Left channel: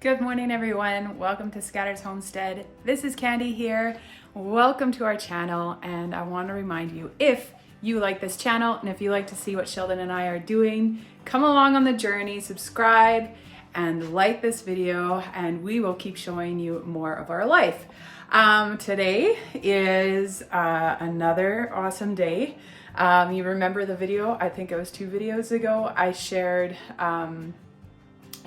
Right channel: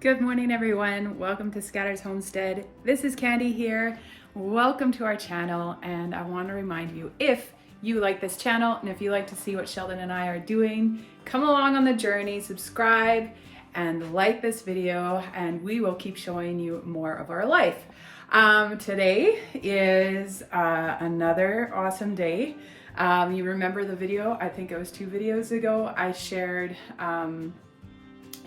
Good morning, everyone. Welcome to Scatter's Homestead. This is Candy here. Welcome to our channel, and I want to remind you, if you like this channel and if you like to see what Sheldon and I are doing, come along on the journey, subscribe and like this video, and we will keep showing you more of our life. Today is another awesome day. You remember the video, I think it was 2 videos ago, I shared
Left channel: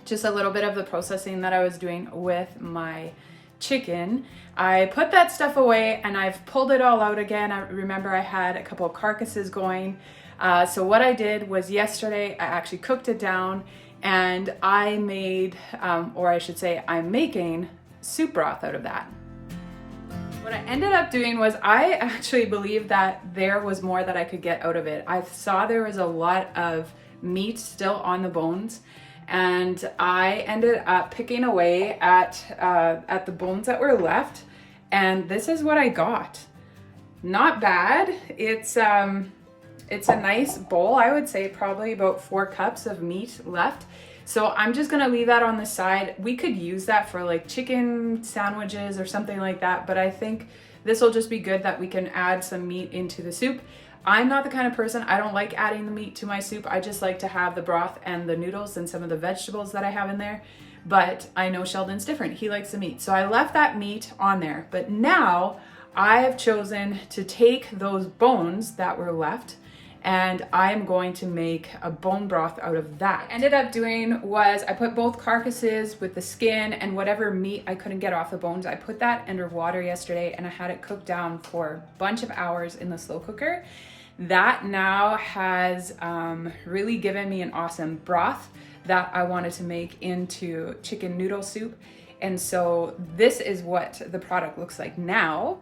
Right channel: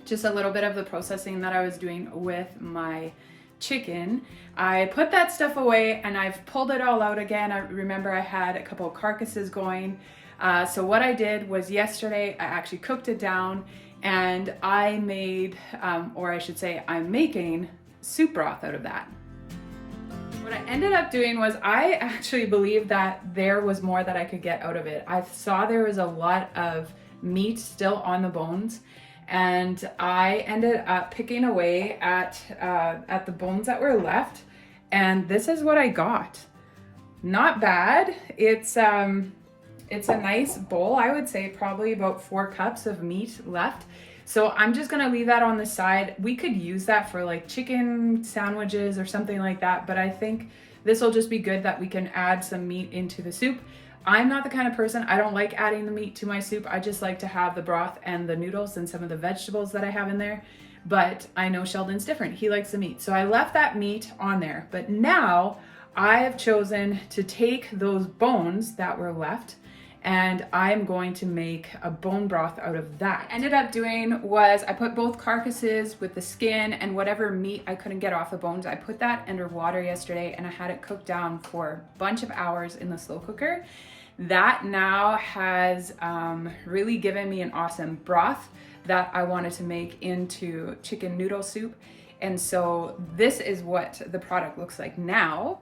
just a little bit of the processing that I was doing with my chicken. I put that stuff away and I've pulled it all out again. I remember I had a couple of carcasses going. So what I did was yesterday, I actually cooked it down and I made, or I should say I'm making soup broth out of that. What I ended up doing was I actually believed that there was more that I could get out of it. I saw there was a lot of meat still on the bones, and I ended up picking away at the bones that were left, and this is what I got. Not bad. It's a nice bowl. I would say probably about 4 cups of meat left. So I'm just gonna leave that on the side. We could use that for like chicken sandwiches or something like that, but I think this will just be good that we can add some meat into the soup. I'm not the kind of person, I don't like adding the meat to my soup. I just like to have the broth and the noodles and some of the vegetables that I have in there. But I know Sheldon's different. He likes the meat. So I left that meat on there. But now I have chosen to take those bones that were left and I'm going to make a bone broth out of that. What I ended up doing was I put both carcasses with the skin and whatever meat I couldn't get off the bones. I put that under water yesterday and I had it cooked down for a bunch of hours in the slow cooker. That now has really given me an awesome broth that I wanted to make into chicken noodle soup. And so this is what the product looks like now.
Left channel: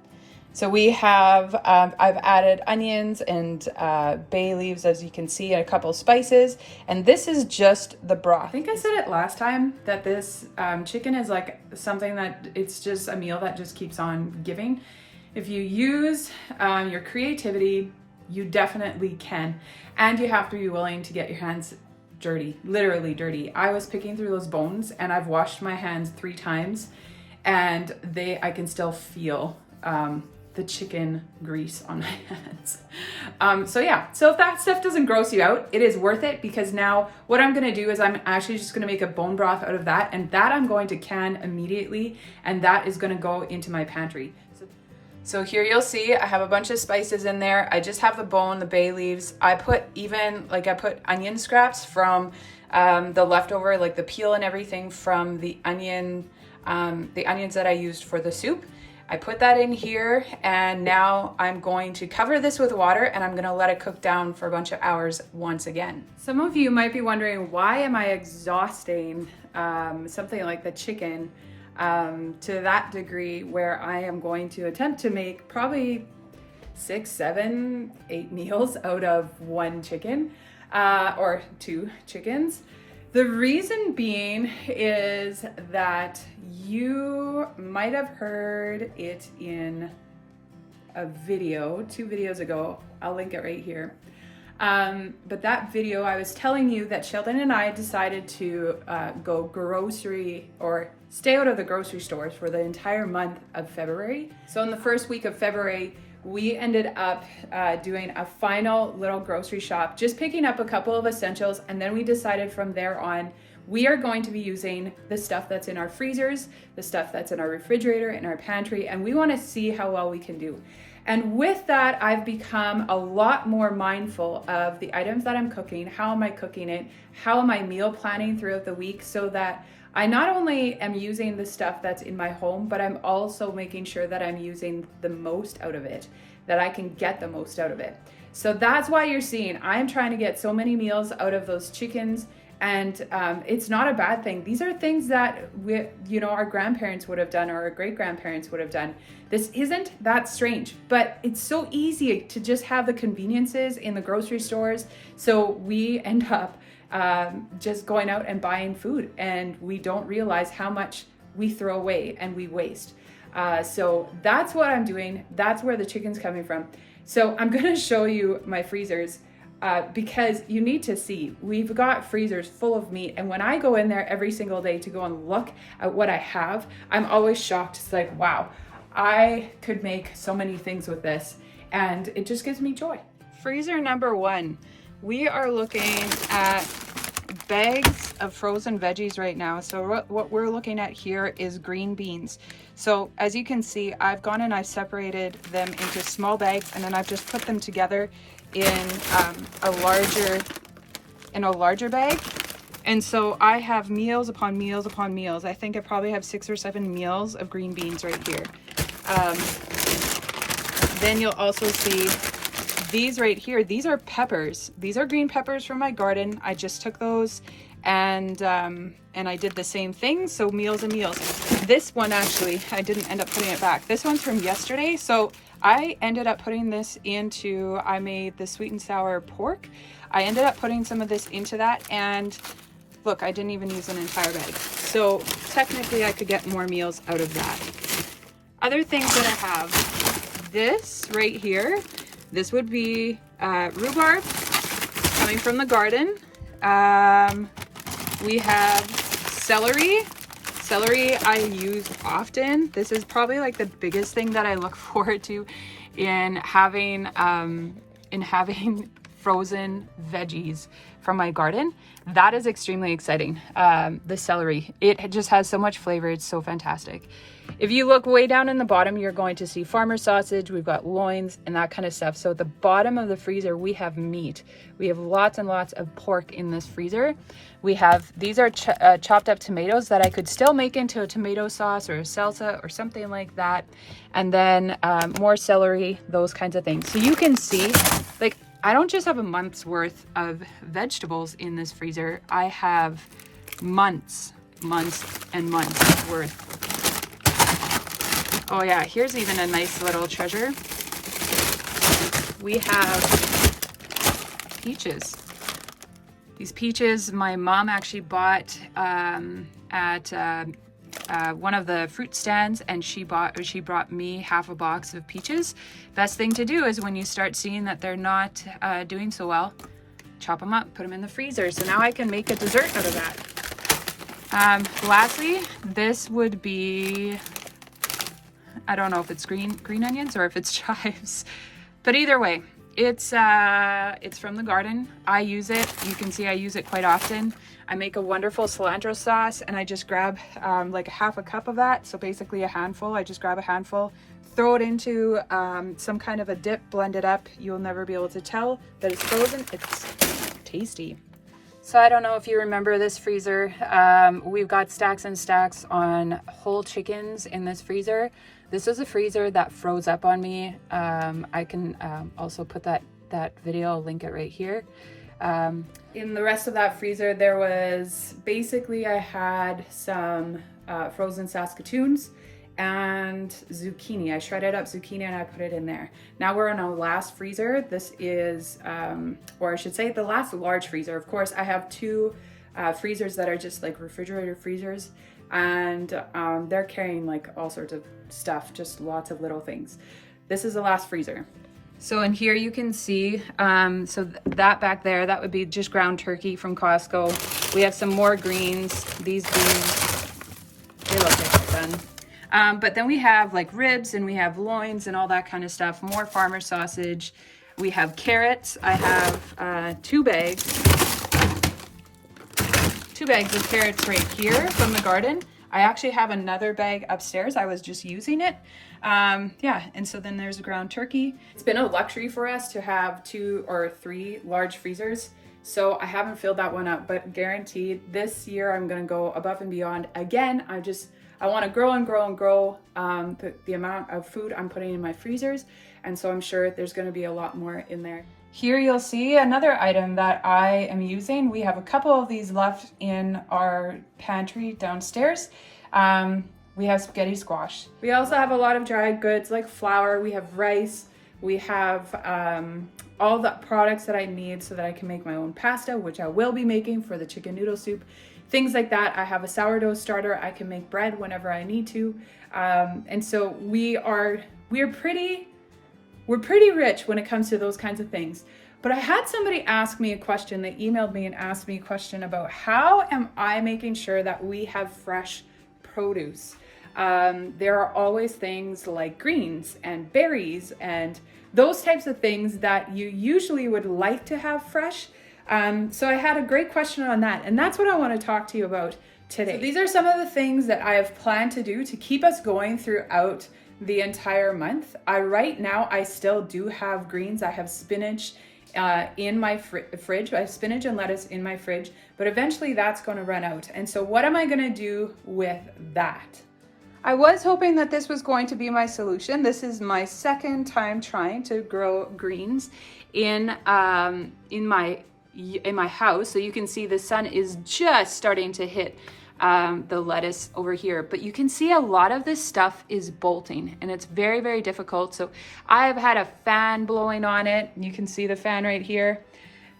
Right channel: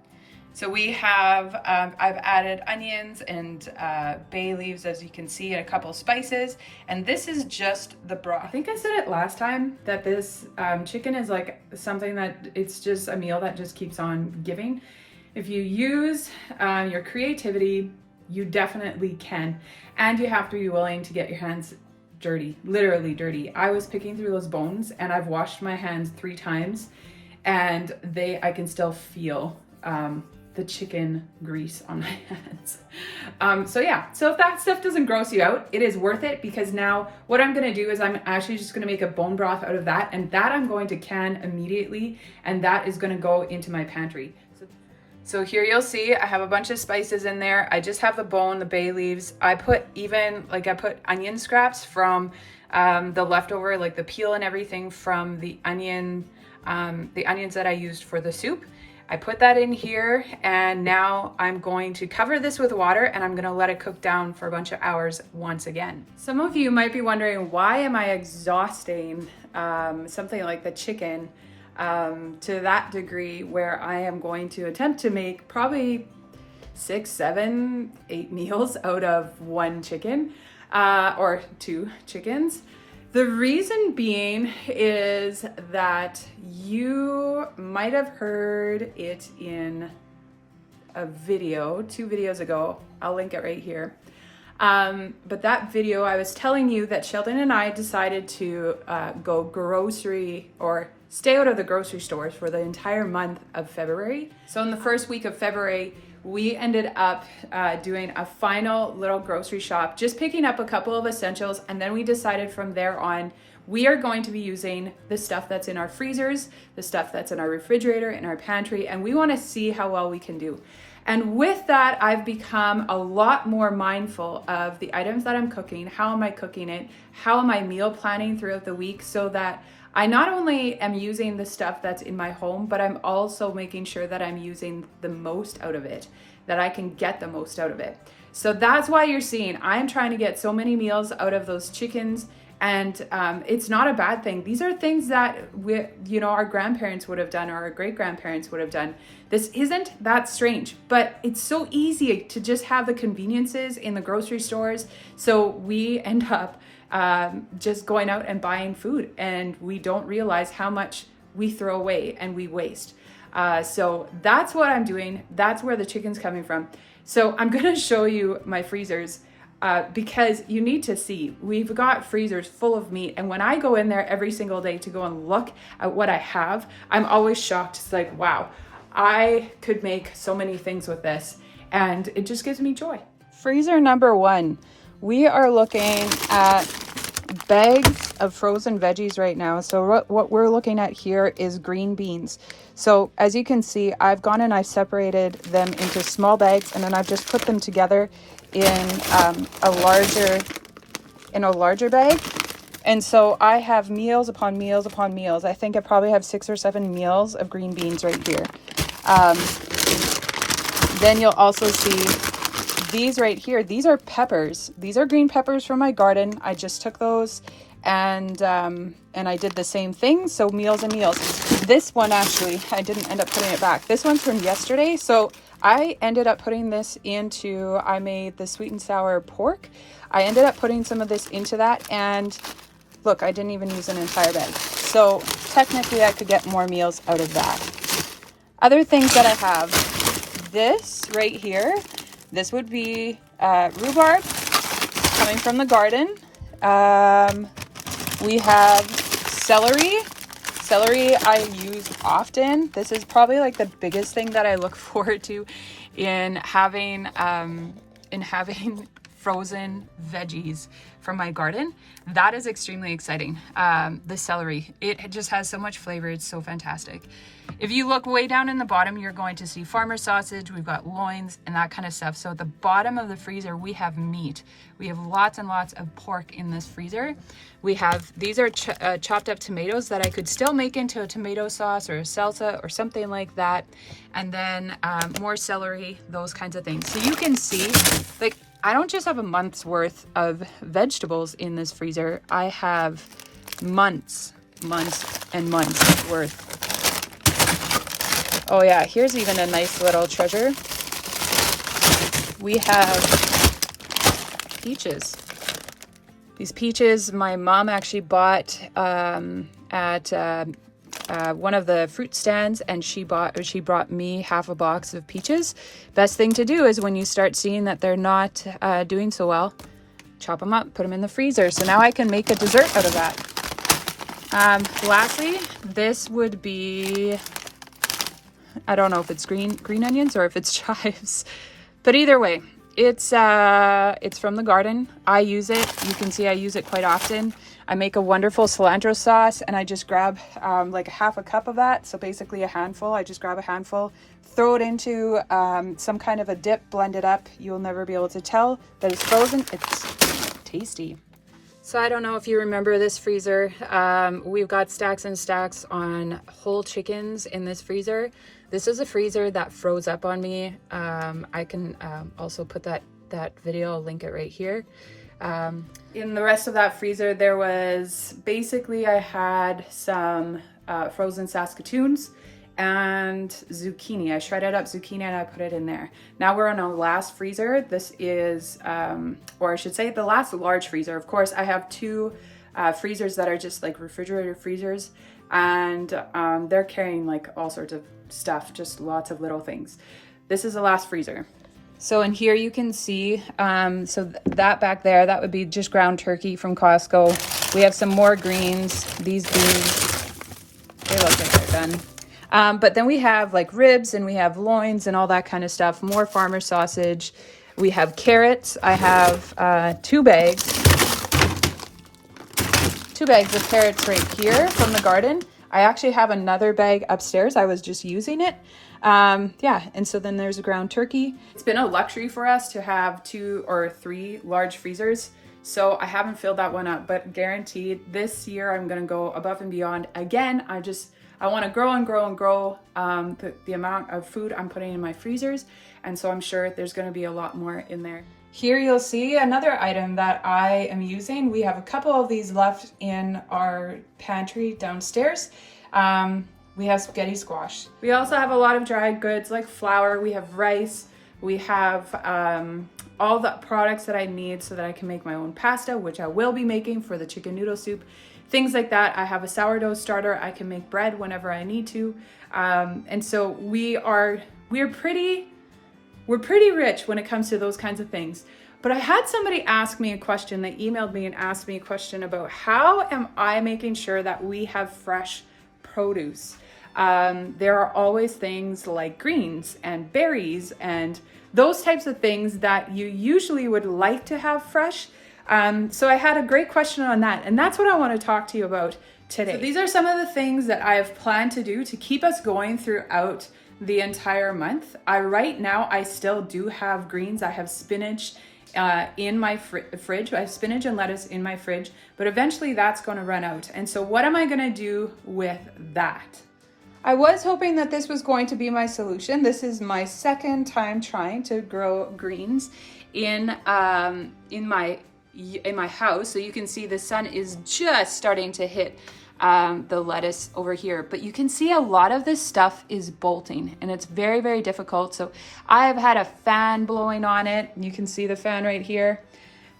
So we have, I've added onions and bay leaves, as you can see, and a couple spices. And this is just the broth. I think I said it last time that this chicken is like something that it's just a meal that just keeps on giving. If you use your creativity, you definitely can. And you have to be willing to get your hands dirty, literally dirty. I was picking through those bones and I've washed my hands 3 times and I can still feel the chicken grease on my hands. So if that stuff doesn't gross you out, it is worth it, because now what I'm gonna do is I'm actually just gonna make a bone broth out of that, and that I'm going to can immediately, and that is gonna go into my pantry. So here you'll see I have a bunch of spices in there. I just have the bone, the bay leaves. I put onion scraps from the leftover, like the peel and everything from the onions that I used for the soup. I put that in here, and now I'm going to cover this with water and I'm gonna let it cook down for a bunch of hours once again. Some of you might be wondering, why am I exhausting something like the chicken to that degree where I am going to attempt to make probably 6, 7, 8 meals out of 1 chicken or 2 chickens. The reason being is that you might have heard it in a video 2 videos ago. I'll link it right here. But that video, I was telling you that Sheldon and I decided to go grocery or stay out of the grocery stores for the entire month of February. So in the first week of February, we ended up doing a final little grocery shop, just picking up a couple of essentials. And then we decided from there on, we are going to be using the stuff that's in our freezers, the stuff that's in our refrigerator, in our pantry, and we want to see how well we can do. And with that, I've become a lot more mindful of the items that I'm cooking. How am I cooking it? How am I meal planning throughout the week, so that I not only am using the stuff that's in my home, but I'm also making sure that I'm using the most out of it, that I can get the most out of it. So that's why you're seeing I'm trying to get so many meals out of those chickens, and it's not a bad thing. These are things that our grandparents would have done, or our great-grandparents would have done. This isn't that strange, but it's so easy to just have the conveniences in the grocery stores. So we end up just going out and buying food, and we don't realize how much we throw away and we waste. So that's what I'm doing. That's where the chicken's coming from. So I'm gonna show you my freezers. because you need to see, we've got freezers full of meat. And when I go in there every single day to go and look at what I have, I'm always shocked. It's like, wow, I could make so many things with this. And it just gives me joy. Freezer number 1. We are looking at bags of frozen veggies right now. So what we're looking at here is green beans. So as you can see, I've gone and I've separated them into small bags, and then I've just put them together in a larger bag. And so I have meals upon meals upon meals. I think I probably have 6 or 7 meals of green beans right here. Then you'll also see these right here. These are peppers. These are green peppers from my garden. I just took those and I did the same thing. So meals and meals. This one, actually, I didn't end up putting it back. This one's from yesterday. So I ended up putting this into, I made the sweet and sour pork. I ended up putting some of this into that, and look, I didn't even use an entire bag. So technically I could get more meals out of that. Other things that I have, this right here, this would be rhubarb coming from the garden. We have celery. Celery I use often. This is probably like the biggest thing that I look forward to in having frozen veggies from my garden. That is extremely exciting. The celery, it just has so much flavor. It's so fantastic. If you look way down in the bottom, you're going to see farmer sausage. We've got loins and that kind of stuff. So at the bottom of the freezer, we have meat. We have lots and lots of pork in this freezer. We have, these are chopped up tomatoes that I could still make into a tomato sauce or a salsa or something like that. And then more celery, those kinds of things. So you can see, like, I don't just have a month's worth of vegetables in this freezer. I have months and months worth. Oh yeah, here's even a nice little treasure. We have peaches. These peaches my mom actually bought at one of the fruit stands, and she brought me half a box of peaches. Best thing to do is when you start seeing that they're not doing so well, chop them up, put them in the freezer. So now I can make a dessert out of that. Lastly, this would be, I don't know if it's green onions or if it's chives, but either way, it's from the garden. I use it. You can see I use it quite often. I make a wonderful cilantro sauce, and I just grab like a half a cup of that. So basically a handful. I just grab a handful, throw it into some kind of a dip, blend it up. You'll never be able to tell that it's frozen. It's tasty. So I don't know if you remember this freezer. We've got stacks and stacks on whole chickens in this freezer. This is a freezer that froze up on me. I can also put that video, I'll link it right here. In the rest of that freezer, there was basically, I had some frozen Saskatoons and zucchini. I shredded up zucchini and I put it in there. Now we're on our last freezer. This is, or I should say the last large freezer. Of course, I have two freezers that are just like refrigerator freezers, and they're carrying like all sorts of stuff, just lots of little things. This is the last freezer. So in here you can see, that back there, that would be just ground turkey from Costco. We have some more greens. These greens, they look like they're done. But then we have like ribs, and we have loins and all that kind of stuff. More farmer sausage. We have carrots. I have 2 bags of carrots right here from the garden. I actually have another bag upstairs. I was just using it. Yeah, and so then there's a ground turkey. It's been a luxury for us to have 2 or 3 large freezers, so I haven't filled that one up, but guaranteed this year I'm gonna go above and beyond. Again, I want to grow and grow and grow the amount of food I'm putting in my freezers, and so I'm sure there's going to be a lot more in there. Here you'll see another item that I am using. We have a couple of these left in our pantry downstairs. We have spaghetti squash. We also have a lot of dried goods like flour. We have rice. We have all the products that I need so that I can make my own pasta, which I will be making for the chicken noodle soup. Things like that. I have a sourdough starter. I can make bread whenever I need to. And so we're pretty rich when it comes to those kinds of things. But I had somebody ask me a question. They emailed me and asked me a question about how am I making sure that we have fresh produce. There are always things like greens and berries and those types of things that you usually would like to have fresh. So I had a great question on that, and that's what I want to talk to you about today. So these are some of the things that I have planned to do to keep us going throughout the entire month. Right now I still do have greens. I have spinach in my fridge. I have spinach and lettuce in my fridge, but eventually that's going to run out. And so what am I going to do with that? I was hoping that this was going to be my solution. This is my second time trying to grow greens in my house. So you can see the sun is just starting to hit the lettuce over here, but you can see a lot of this stuff is bolting and it's very, very difficult. So I've had a fan blowing on it. You can see the fan right here.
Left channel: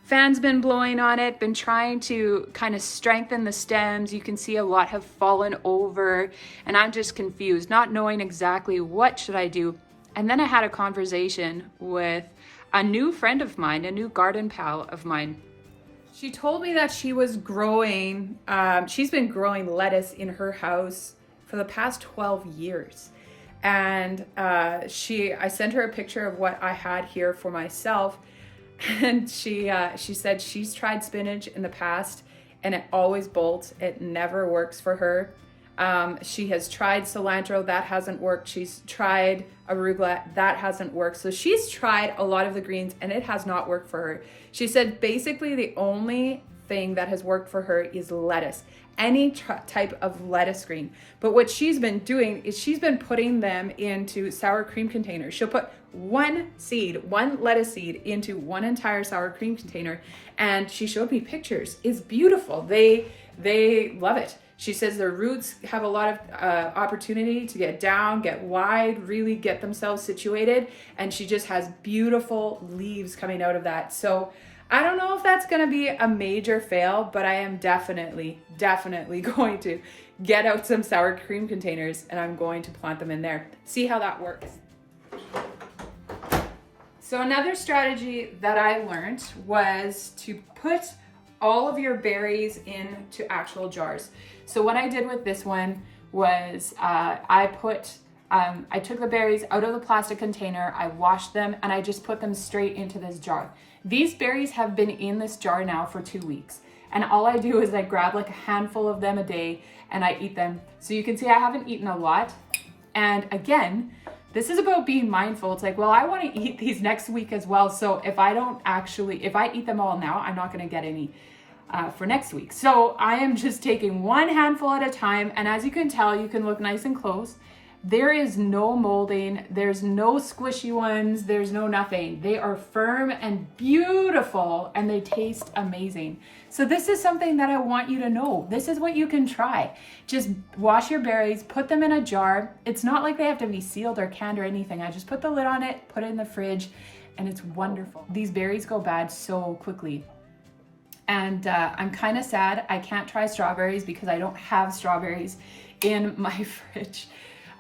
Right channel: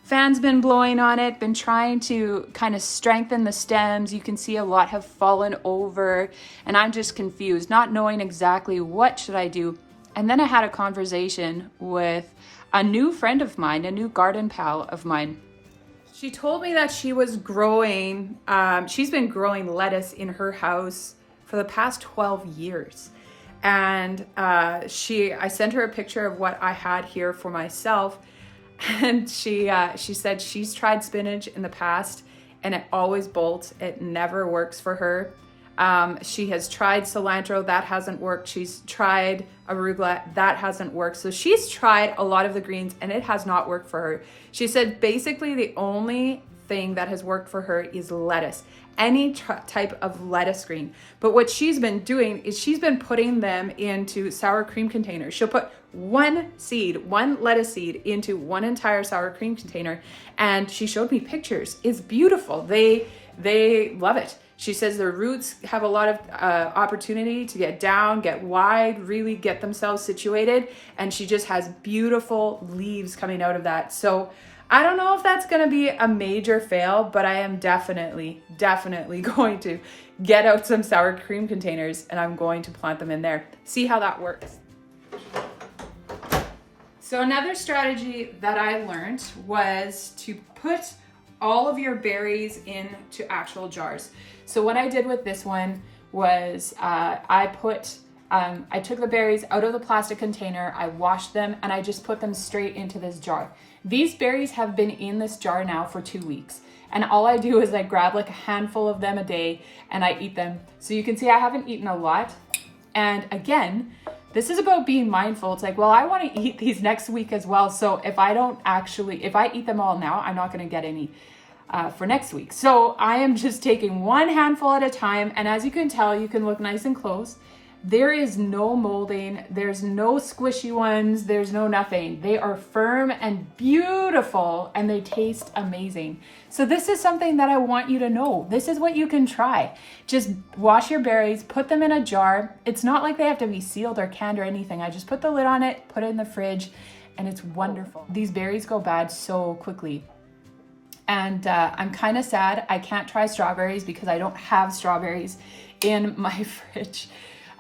Fan's been blowing on it, been trying to kind of strengthen the stems. You can see a lot have fallen over and I'm just confused, not knowing exactly what should I do. And then I had a conversation with a new friend of mine, a new garden pal of mine. She told me that she was growing, she's been growing lettuce in her house for the past 12 years. And I sent her a picture of what I had here for myself. And she said she's tried spinach in the past and it always bolts. It never works for her. She has tried cilantro, that hasn't worked. She's tried arugula, that hasn't worked. So she's tried a lot of the greens and it has not worked for her. She said basically the only thing that has worked for her is lettuce, any type of lettuce green. But what she's been doing is she's been putting them into sour cream containers. She'll put one lettuce seed into one entire sour cream container. And she showed me pictures. It's beautiful. They love it. She says their roots have a lot of opportunity to get down, get wide, really get themselves situated. And she just has beautiful leaves coming out of that. So I don't know if that's going to be a major fail, but I am definitely going to get out some sour cream containers and I'm going to plant them in there. See how that works. So another strategy that I learned was to put all of your berries into actual jars. So what I did with this one was I took the berries out of the plastic container, I washed them, and I just put them straight into this jar. These berries have been in this jar now for 2 weeks. And all I do is I grab like a handful of them a day and I eat them. So you can see I haven't eaten a lot. And again, this is about being mindful. It's like, well, I want to eat these next week as well. So if I eat them all now, I'm not going to get any for next week. So I am just taking one handful at a time. And as you can tell, you can look nice and close. There is no molding. There's no squishy ones. There's no nothing. They are firm and beautiful and they taste amazing. So this is something that I want you to know. This is what you can try. Just wash your berries, put them in a jar. It's not like they have to be sealed or canned or anything. I just put the lid on it, put it in the fridge, and it's wonderful. These berries go bad so quickly. And I'm kind of sad I can't try strawberries because I don't have strawberries in my fridge.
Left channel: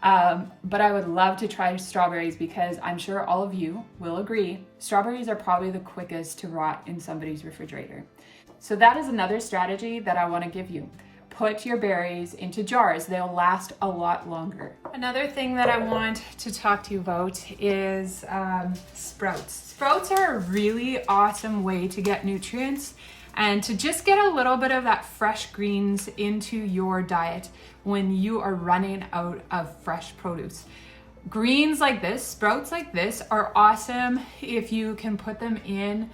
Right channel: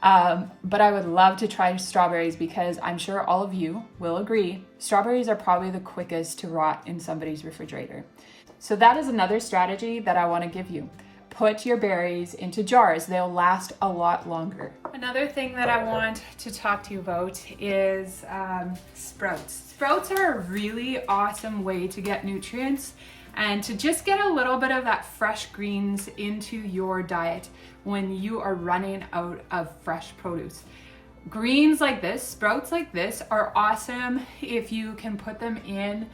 But I would love to try strawberries because I'm sure all of you will agree, strawberries are probably the quickest to rot in somebody's refrigerator. So that is another strategy that I want to give you. Put your berries into jars. They'll last a lot longer. Another thing that I want to talk to you about is sprouts. Sprouts are a really awesome way to get nutrients and to just get a little bit of that fresh greens into your diet when you are running out of fresh produce. Greens like this, sprouts like this are awesome if you can put them in.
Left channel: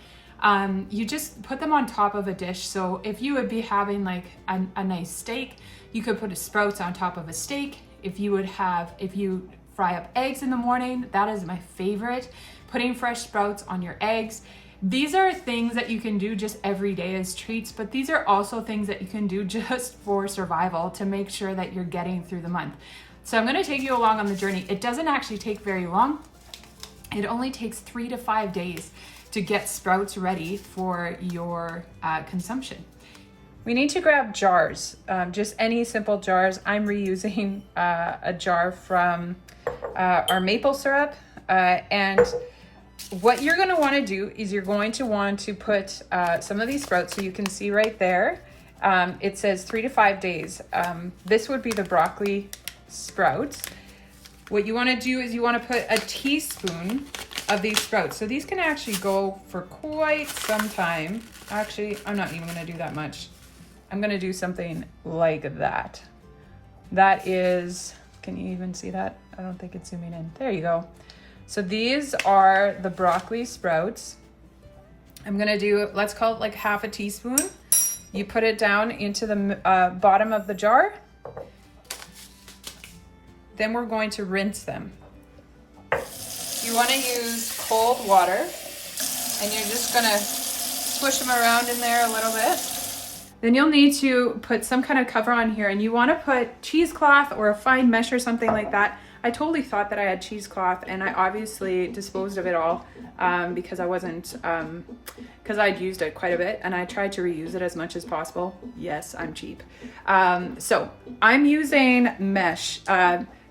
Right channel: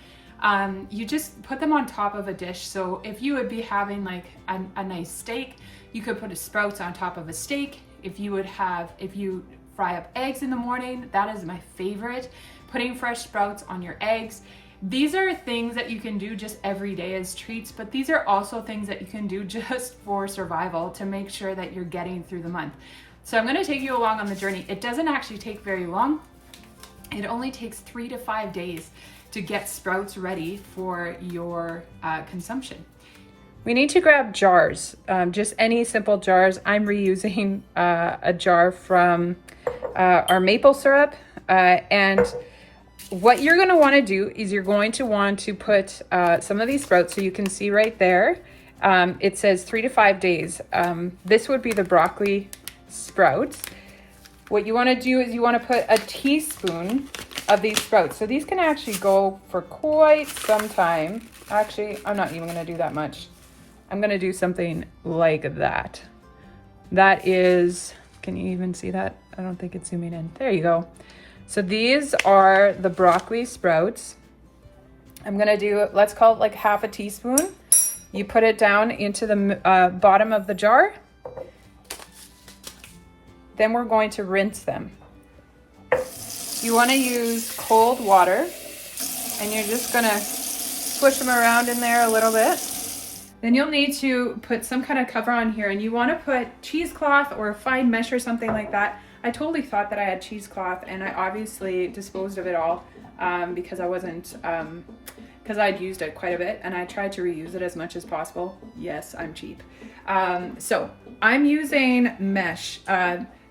You just put them on top of a dish. So if you would be having like a nice steak, you could put a sprouts on top of a steak. If you fry up eggs in the morning, that is my favorite, putting fresh sprouts on your eggs. These are things that you can do just every day as treats, but these are also things that you can do just for survival to make sure that you're getting through the month. So I'm going to take you along on the journey. It doesn't actually take very long. It only takes 3 to 5 days to get sprouts ready for your consumption. We need to grab jars, just any simple jars. I'm reusing a jar from our maple syrup and what you're going to want to do is you're going to want to put some of these sprouts, so you can see right there, it says 3 to 5 days. This would be the broccoli sprouts. What you want to do is you want to put a teaspoon of these sprouts. So these can actually go for quite some time. Actually, I'm not even going to do that much. I'm going to do something like that. That is, can you even see that? I don't think it's zooming in. There you go. So these are the broccoli sprouts. I'm going to do, let's call it like half a teaspoon. You put it down into the bottom of the jar. Then we're going to rinse them. You want to use cold water, and you're just going to swish them around in there a little bit. Then you'll need to put some kind of cover on here, and you want to put cheesecloth or a fine mesh or something like that. I totally thought that I had cheesecloth, and I obviously disposed of it all because I wasn't, because I'd used it quite a bit, and I tried to reuse it as much as possible. Yes, I'm cheap. So I'm using mesh.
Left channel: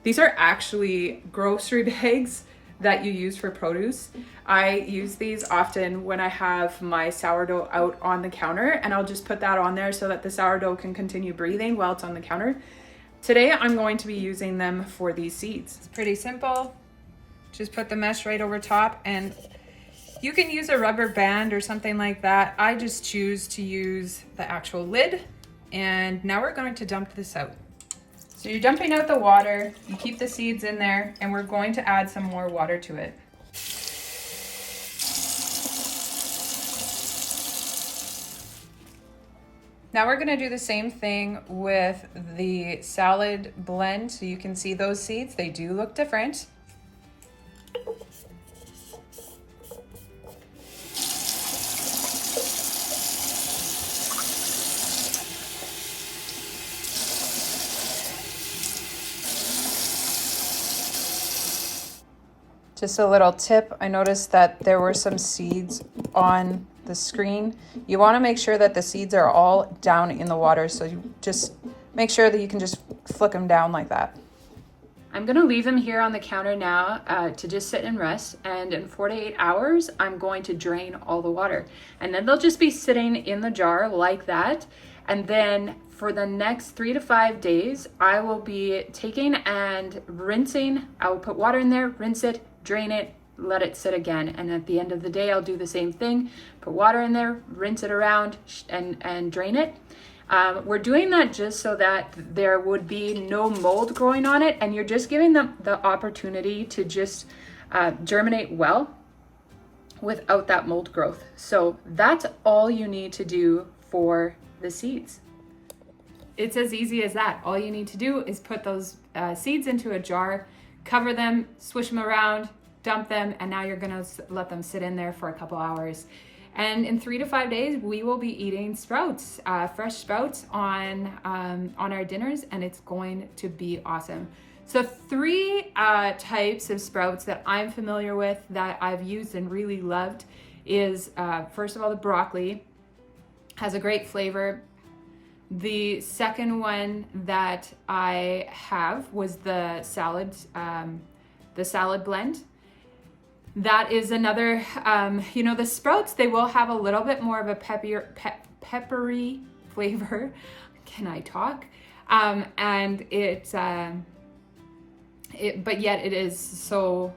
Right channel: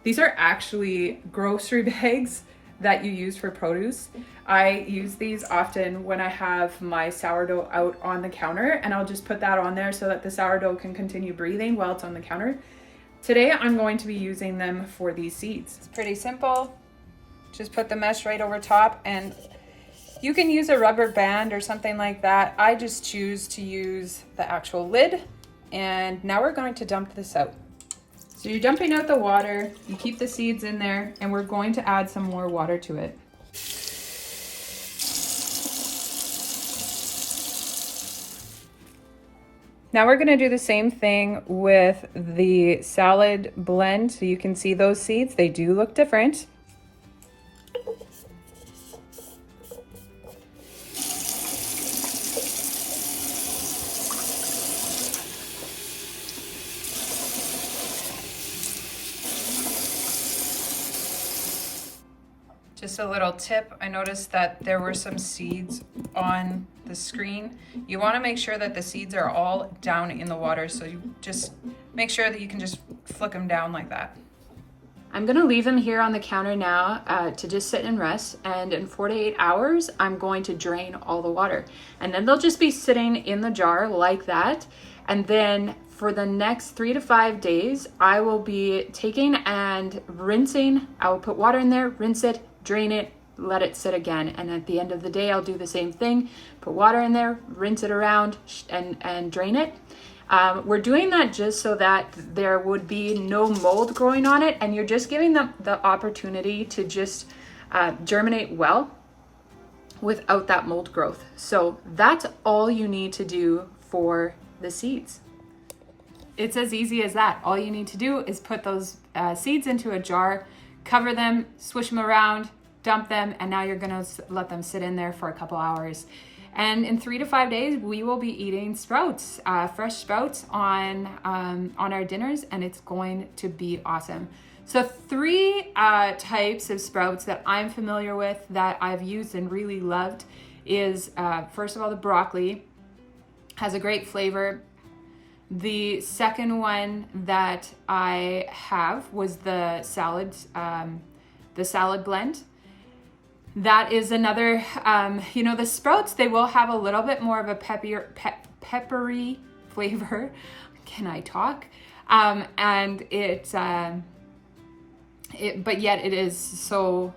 These are actually grocery bags that you use for produce. I use these often when I have my sourdough out on the counter, and I'll just put that on there so that the sourdough can continue breathing while it's on the counter. Today, I'm going to be using them for these seeds. It's pretty simple. Just put the mesh right over top, and you can use a rubber band or something like that. I just choose to use the actual lid, and now we're going to dump this out. So you're dumping out the water, you keep the seeds in there, and we're going to add some more water to it. Now we're gonna do the same thing with the salad blend. So you can see those seeds, they do look different. Just a little tip, I noticed that there were some seeds on the screen. You want to make sure that the seeds are all down in the water, so you just make sure that you can just flick them down like that. I'm going to leave them here on the counter now to just sit and rest, and in 4 to 8 hours I'm going to drain all the water, and then they'll just be sitting in the jar like that. And then for the next 3 to 5 days I will be taking and rinsing. I will put water in there, rinse it, drain it, let it sit again, and at the end of the day I'll do the same thing, put water in there, rinse it around, and drain it. We're doing that just so that there would be no mold growing on it, and you're just giving them the opportunity to just germinate well without that mold growth. So that's all you need to do for the seeds. It's as easy as that. All you need to do is put those seeds into a jar, cover them, swish them around, dump them, and now you're gonna let them sit in there for a couple hours. And in 3 to 5 days, we will be eating sprouts, fresh sprouts on our dinners, and it's going to be awesome. So 3 types of sprouts that I'm familiar with that I've used and really loved is, first of all, the broccoli has a great flavor. The second one that I have was the salad blend. That is another, the sprouts, they will have a little bit more of a peppery flavor. Can I talk? And but yet it is so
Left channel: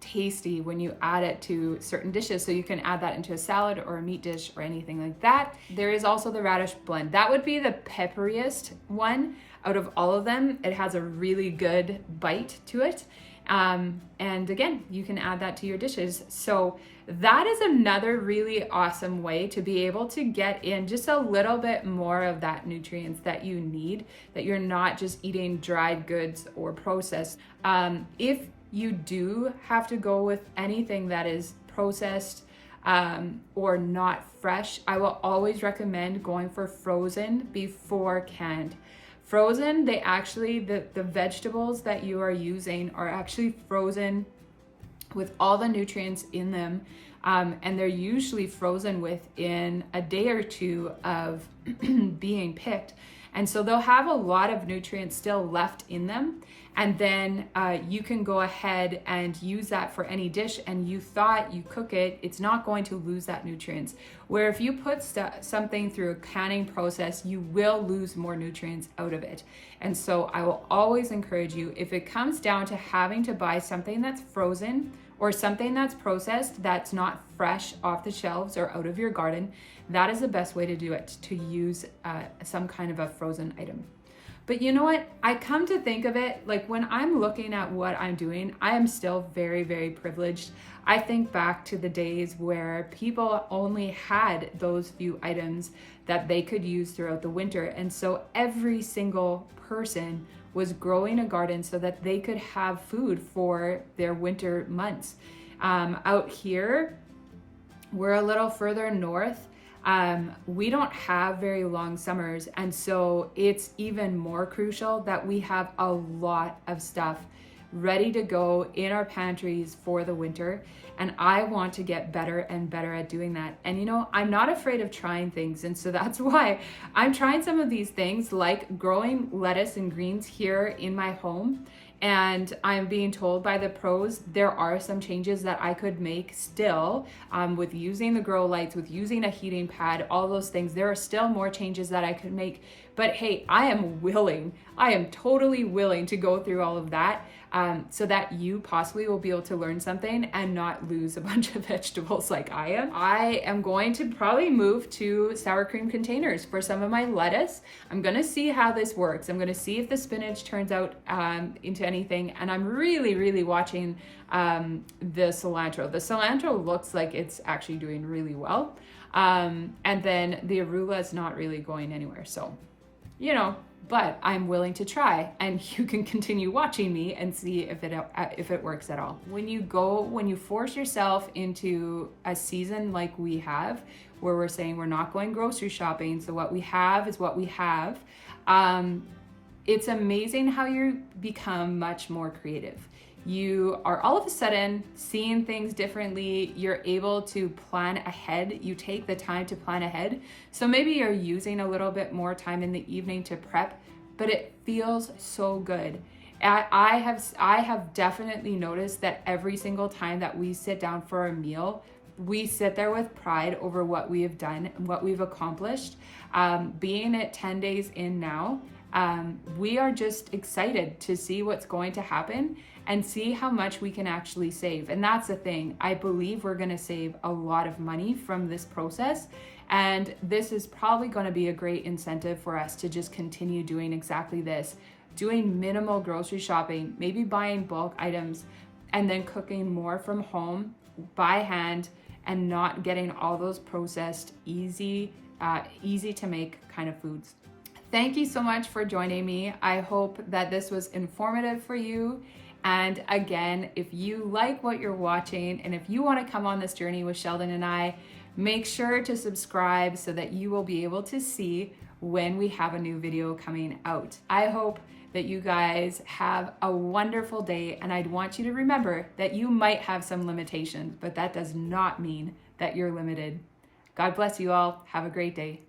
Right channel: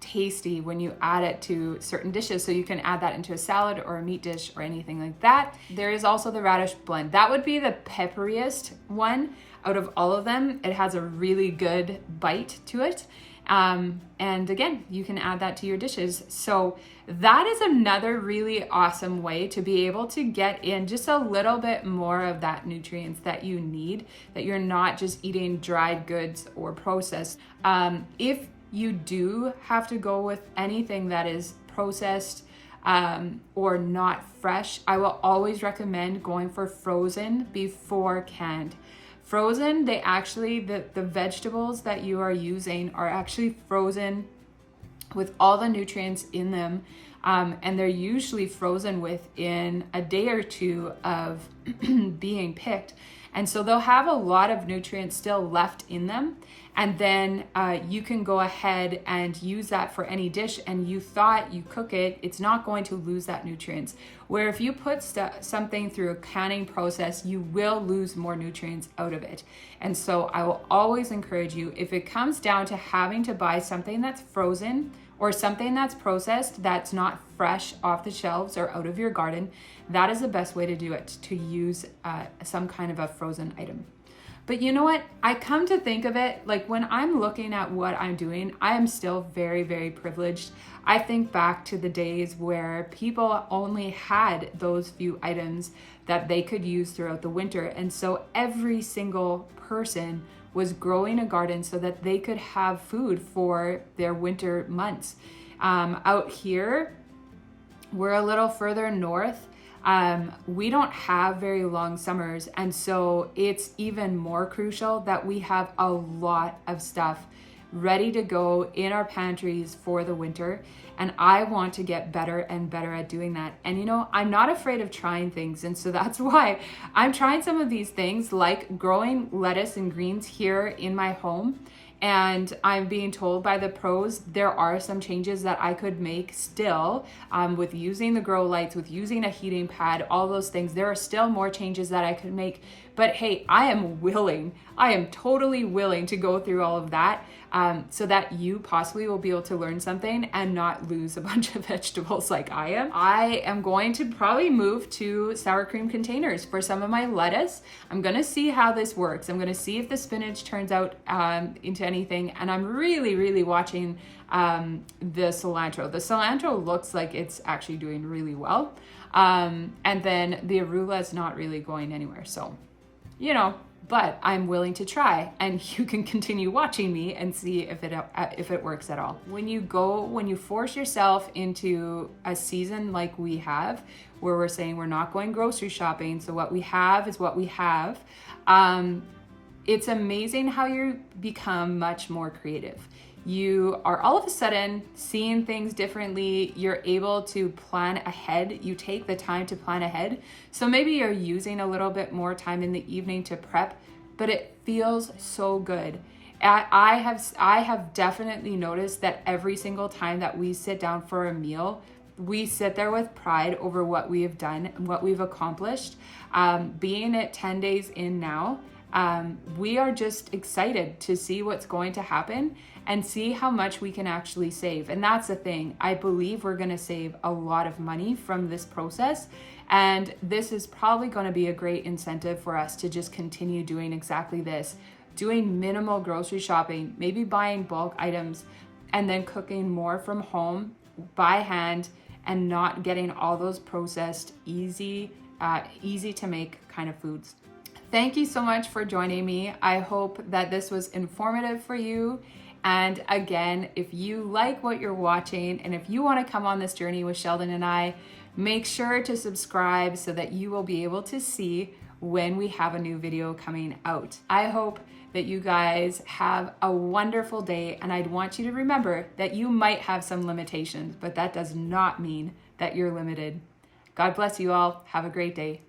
tasty when you add it to certain dishes. So you can add that into a salad or a meat dish or anything like that. There is also the radish blend. That would be the pepperiest one out of all of them. It has a really good bite to it. And again, you can add that to your dishes. So that is another really awesome way to be able to get in just a little bit more of that nutrients that you need, that you're not just eating dried goods or processed. If you do have to go with anything that is processed or not fresh, I will always recommend going for frozen before canned. Frozen, they actually, the vegetables that you are using are actually frozen with all the nutrients in them, and they're usually frozen within a day or two of being picked. And so they'll have a lot of nutrients still left in them. And then you can go ahead and use that for any dish, and you thought you cook it, it's not going to lose that nutrients. Where if you put something through a canning process, you will lose more nutrients out of it. And so I will always encourage you, if it comes down to having to buy something that's frozen or something that's processed, that's not fresh off the shelves or out of your garden, that is the best way to do it, to use some kind of a frozen item. But you know what? I come to think of it, like when I'm looking at what I'm doing, I am still very, very privileged. I think back to the days where people only had those few items that they could use throughout the winter. And so every single person was growing a garden so that they could have food for their winter months. Out here, we're a little further north. We don't have very long summers, and so it's even more crucial that we have a lot of stuff ready to go in our pantries for the winter. And I want to get better and better at doing that. And you know, I'm not afraid of trying things, and so that's why I'm trying some of these things, like growing lettuce and greens here in my home. And I'm being told by the pros, there are some changes that I could make still with using the grow lights, with using a heating pad, all those things. There are still more changes that I could make. But hey, I am totally willing to go through all of that so that you possibly will be able to learn something and not lose a bunch of vegetables like I am. I am going to probably move to sour cream containers for some of my lettuce. I'm gonna see how this works. I'm gonna see if the spinach turns out into anything. And I'm really, really watching the cilantro. The cilantro looks like it's actually doing really well. And then the arugula is not really going anywhere. So, you know, but I'm willing to try, and you can continue watching me and see if it works at all. When you force yourself into a season like we have, where we're saying we're not going grocery shopping, so what we have is what we have, it's amazing how you become much more creative. You are all of a sudden seeing things differently. You're able to plan ahead. You take the time to plan ahead. So maybe you're using a little bit more time in the evening to prep, but it feels so good. I have definitely noticed that every single time that we sit down for a meal, we sit there with pride over what we have done, what we've accomplished. Being at 10 days in now, we are just excited to see what's going to happen and see how much we can actually save. And that's the thing. I believe we're going to save a lot of money from this process. And this is probably going to be a great incentive for us to just continue doing exactly this, doing minimal grocery shopping, maybe buying bulk items, and then cooking more from home by hand and not getting all those processed, easy to make kind of foods. Thank you so much for joining me. I hope that this was informative for you. And again, if you like what you're watching and if you want to come on this journey with Sheldon and I, make sure to subscribe so that you will be able to see when we have a new video coming out. I hope that you guys have a wonderful day, and I'd want you to remember that you might have some limitations, but that does not mean that you're limited. God bless you all. Have a great day.